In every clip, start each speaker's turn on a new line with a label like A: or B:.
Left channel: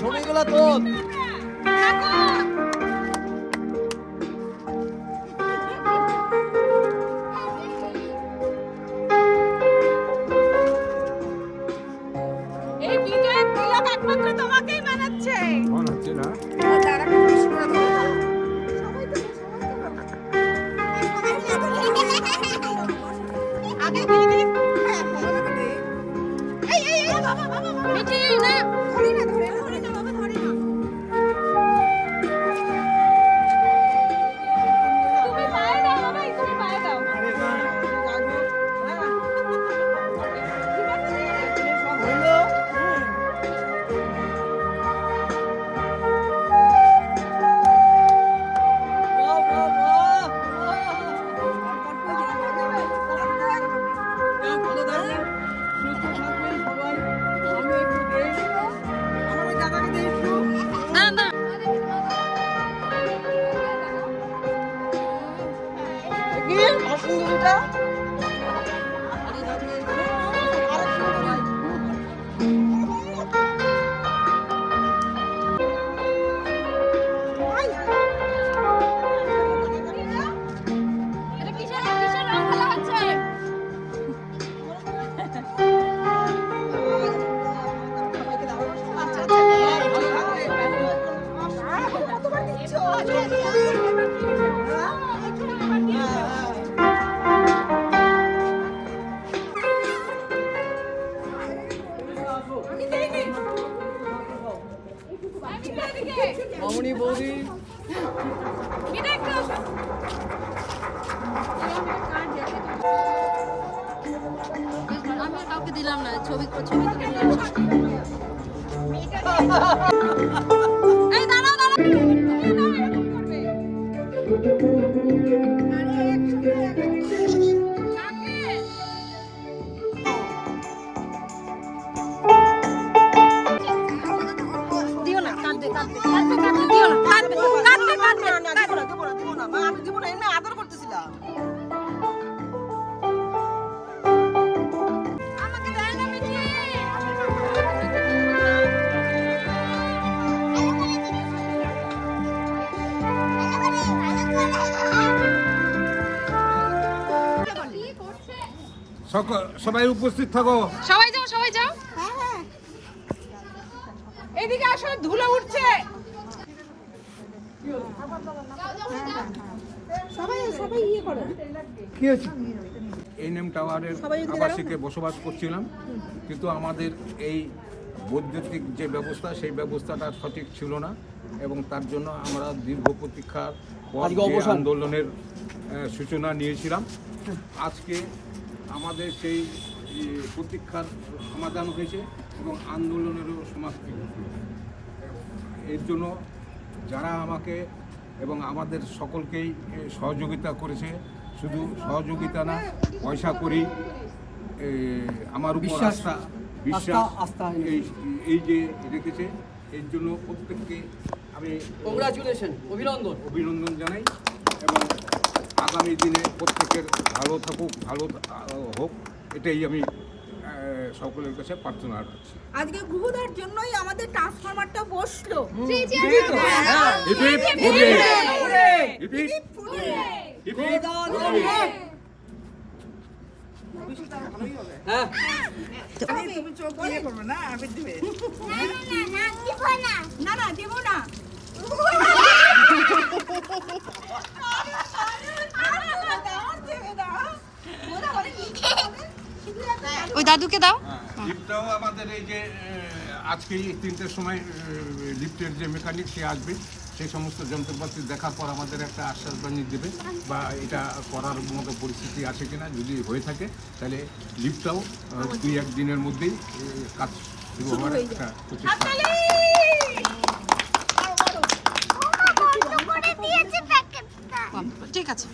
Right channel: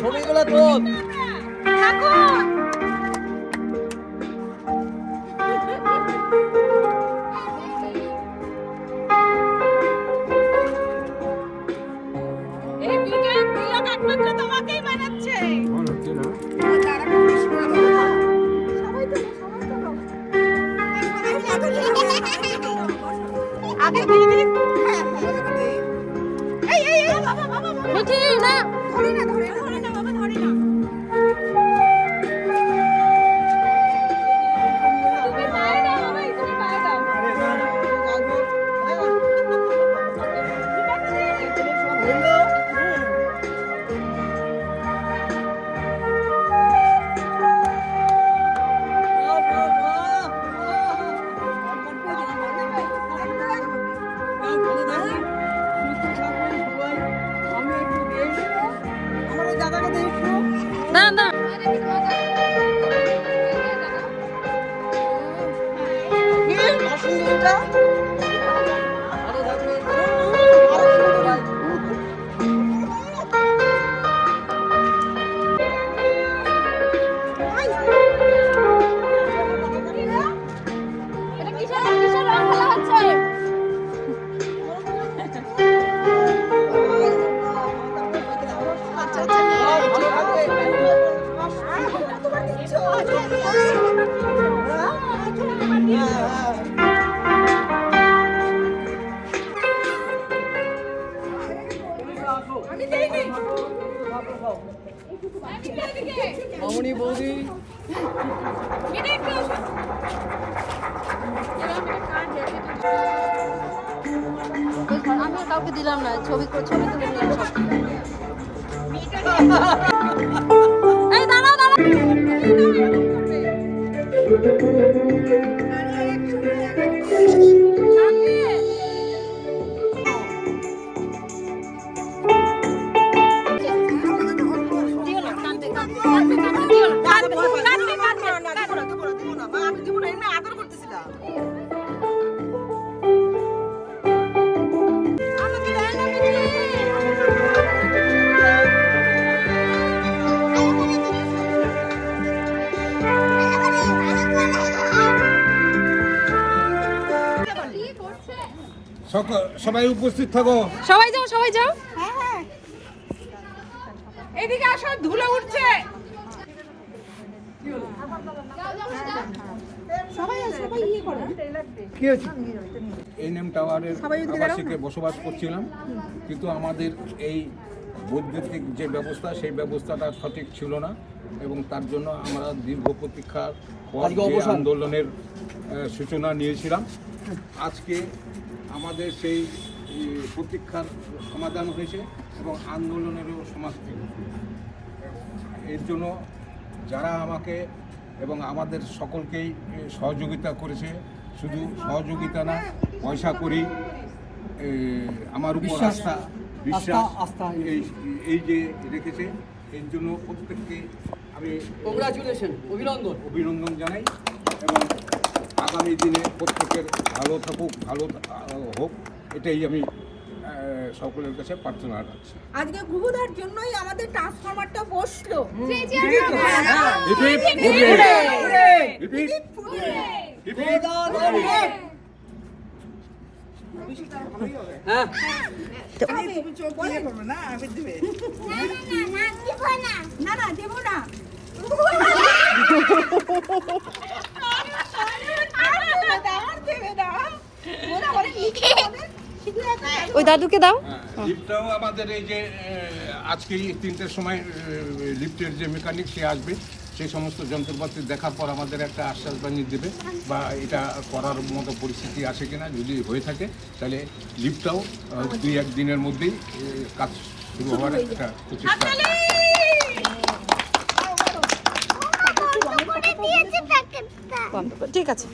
A: ছবিগুলো তোল মামনি বৌদি।
B: আমি কাউকে দিলাম না ছবি ছবি তুলে নিলাম
C: সবাই উপস্থিত থাকো।
D: সবাই যাও সবাই যাও। এদিকে আসো ধুলে উঠছে।
A: কি হয়েছে?
C: এনএম টাওয়ারের আবাসিকে বসবাস করছিলাম কিন্তু আমাদের এই বৈদ্যুতিক যে ব্যবস্থা সেই ব্যবস্থাটা সঠিক ছিল না এবং তার জন্য আমরা দীর্ঘ প্রতীক্ষার পর। আন্দোলনের সূচনা নিয়েছিলাম। আজকে আমাদের সেই প্রতীক্ষার সমাধান হয়েছে এবং আন্দোলনেরও সমাপ্তি এর জন্য যারা আমাকে এবং আমাদের সকলকেই সহযোগিতা করেছে শুধু সহযোগিতা না পয়সা করি আমার উপর
A: বিশ্বাস।
C: আস্থা বিশ্বাস
A: আস্থা- আস্থা।
C: এই এই যে রেখেছে এর জন্য প্রত্যেককে আমি
A: কংগ্রাচুলেশন অভিনন্দন
C: অভিনন্দন জানাই এবং আগামী দিনে প্রত্যেকের ভালো থাকুক ভালো হোক এটাই আমি সকলের কাছে প্রার্থনা রাখছি।
E: আজকে গুহুদার জন্যই আমাদের ট্রান্সফরমারটা বসল!
A: হ্যাঁ
E: না না দেবো না।
B: ওই দাদুকে দাও।
C: হ্যাঁ, লিফটটাও আমাদের এই যে আজকে এই তিনটের সময় লিফটের যে মেকানিক সে আসবে। সেই সমস্ত যন্ত্রপাতি দেখার পর আমাদের একটা আশ্বাস বাণী দেবে বা এটা করার মতো পরিস্থিতি আছে কিনা যদি হয়ে থাকে তাহলে লিফটটাও দুই এক দিনের মধ্যেই কাজ শুরু হওয়ার একটা প্রচেষ্টা।
B: ঠিক আছে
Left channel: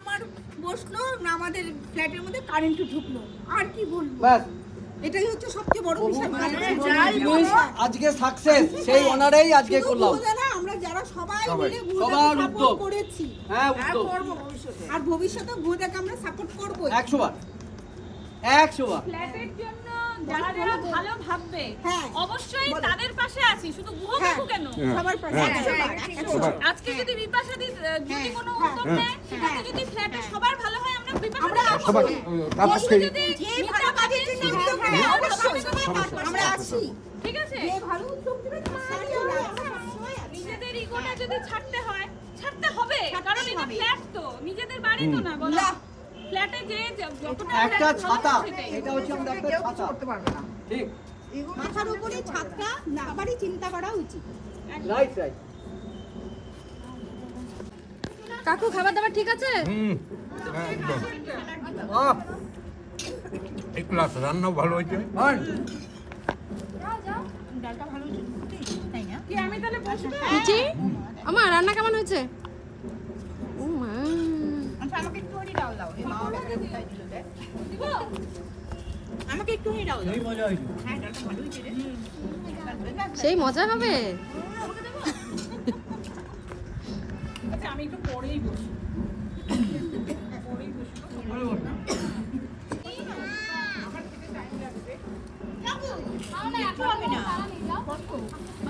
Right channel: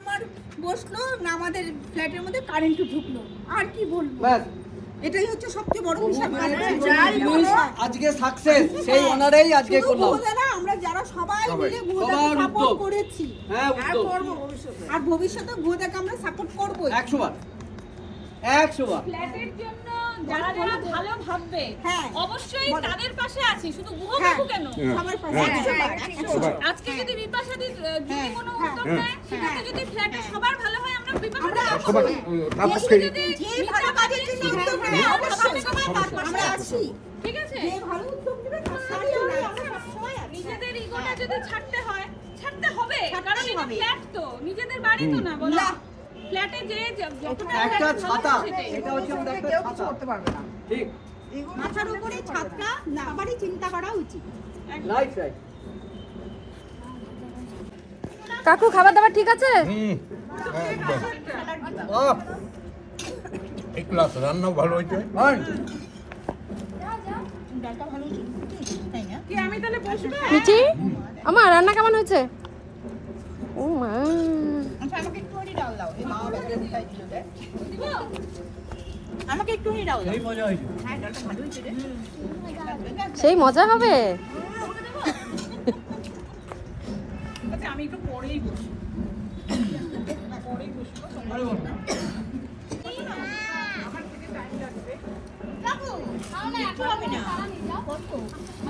E: আমার বসল না আমাদের ফ্ল্যাটের মধ্যে কারেন্ট ঢুকলো। আর কি বলব?
A: ব্যাস।
E: এটাই হচ্ছে সবচেয়ে বড়।
A: জিনিস
E: যাই বলো,
A: আজকে সাকসেস সেই অনারেই আজকে করলাম।
E: আমরা যারা সবাই
C: সবাই।
E: মিলে গুহুদাকে সাপোর্ট করেছি।
A: হ্যাঁ
E: আর আর ভবিষ্যতে। গুহুদাকে আমরা সাপোর্ট করব
A: একশো বার একশো বার
D: ফ্ল্যাটের জন্য যারা যারা ভালো ভাববে
E: হ্যাঁ।
D: অবশ্যই তাদের পাশে আছি শুধু গুহ কাকু কেন?
E: সবার পাশে একশো বার, একশো বার।
D: আজকে যদি বিপাশা দি যদি কোনো উদ্যোগ নেয় সেটাতে যদি ফ্ল্যাটে সবার ভালো হয় আমরা বিপাশা
C: সবার তাপস খেয়ে
E: ভালো কাজের জন্য উদ্যোগ নেবে, অবশ্যই আমরা আছি।
D: ঠিক আছে?
E: যে ভালো উদ্যোগ নেবে তার সাথে আমরা আছি।
D: নিজেদের ইগোটা যদি ছাড়তে হয় ছাড়তে হবে। কারণ এটা ফ্ল্যাট তো নিজেদের বাড়ি তো না বলো। ফ্ল্যাটে যে যতটা
A: একটা ছাতা। এটা হচ্ছে আমাদের একটা ছাতা। ঠিক।
E: মাথার উপরে ছাদটা সবারই চিন্তা করা উচিত।
A: রাইট রাইট
D: কাকু খাবার দাবার ঠিক আছে?
C: হুম একদম। ভালো হয়েছে।
D: মিচি? আমার রান্না কেমন হয়েছে? ও মা।
B: আচ্ছা আমাকে একটুখানি ডাল দাও। এই মা ব্যাগে উঠাই দিল দেখ। আমাকে ডাল দাও
A: এই মজা হয়েছে।
B: হ্যাঁ
D: সেই মজা হবে?
B: আচ্ছা আমি একটু পরেই বসি বসবো।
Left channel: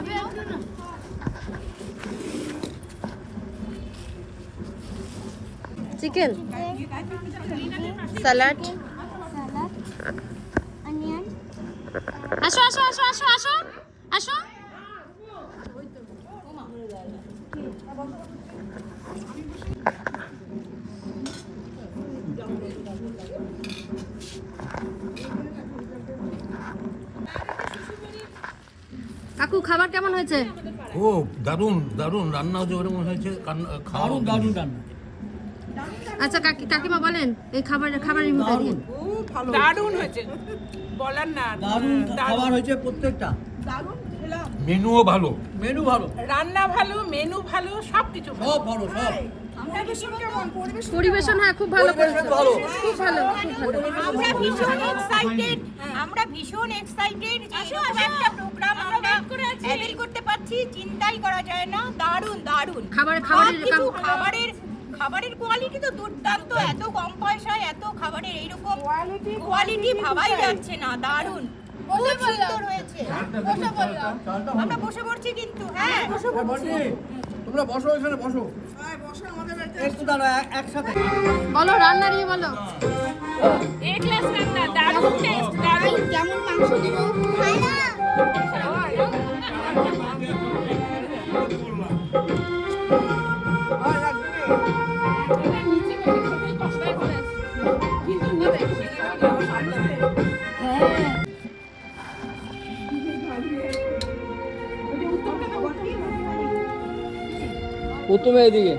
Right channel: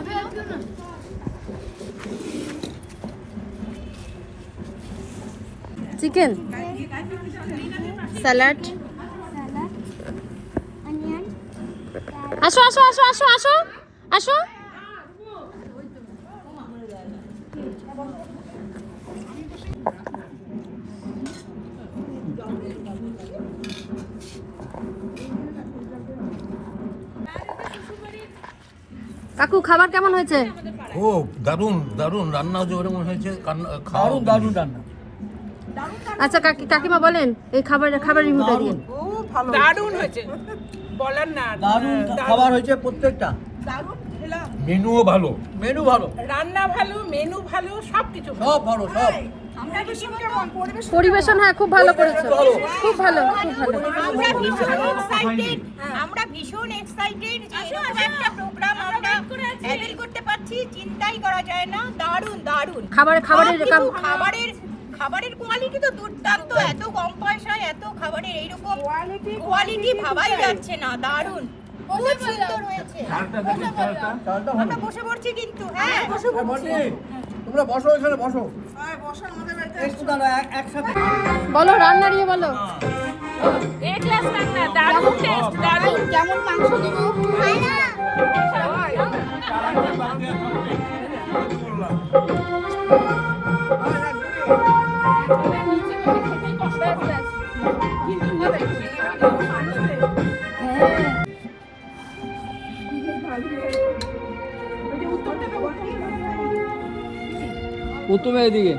B: একটু
D: চিকেন স্যালাড আসো আসো আসো আসো আসো আসো কাকু খাবার কেমন হয়েছে?
C: খুব দারুণ দারুণ রান্নাও যে ওরকম হয়েছে খাওয়া
A: দারুণ দারুণ রান্না।
D: আচ্ছা কাকি কাকিমা বলেন এই খাবার খাবার রিভিউটা দিয়ে
B: দারুণ হয়েছে। বলার না
A: দারুণ খাবার হয়েছে প্রত্যেকটা।
C: মেনুও ভালো।
A: মেনু ভালো।
B: রান্না ভালো মেনু ভালো সব কিছু ভালো।
A: সব ভালো সব।
D: পরিবেশন হ্যাঁ খুব ভালো করেছে খুব ভালো
B: আমরা ভীষণ এক্সাইটেড আমরা ভীষণ এক্সাইটেড এরকম একটা প্রোগ্রাম আমরা অ্যাটেন্ড করতে পারছি। চিন্তাই করা যায় না। দারুণ দারুণ।
D: খাবার- খাবারের
B: খাবারের খাবারের কোয়ালিটি তো দুর্দান্ত এত কম পয়সায় এত খাবারের এইরকম কোয়ালিটি কোয়ালিটি ভাবাই যাচ্ছে না দারুণ। খুব সুন্দর হয়েছে।
A: চালটা
B: আমরা বসে পড়ছি কিন্তু হ্যাঁ বসে
A: বলছি, তোমরা বসো এখানে বসো।
D: বলো রান্না নিয়ে বলো।
E: এ ক্লাস রান্না দারুণ টেস্ট দারুণ। যেমন মাংস দেবো
A: প্রথমে এদিকে।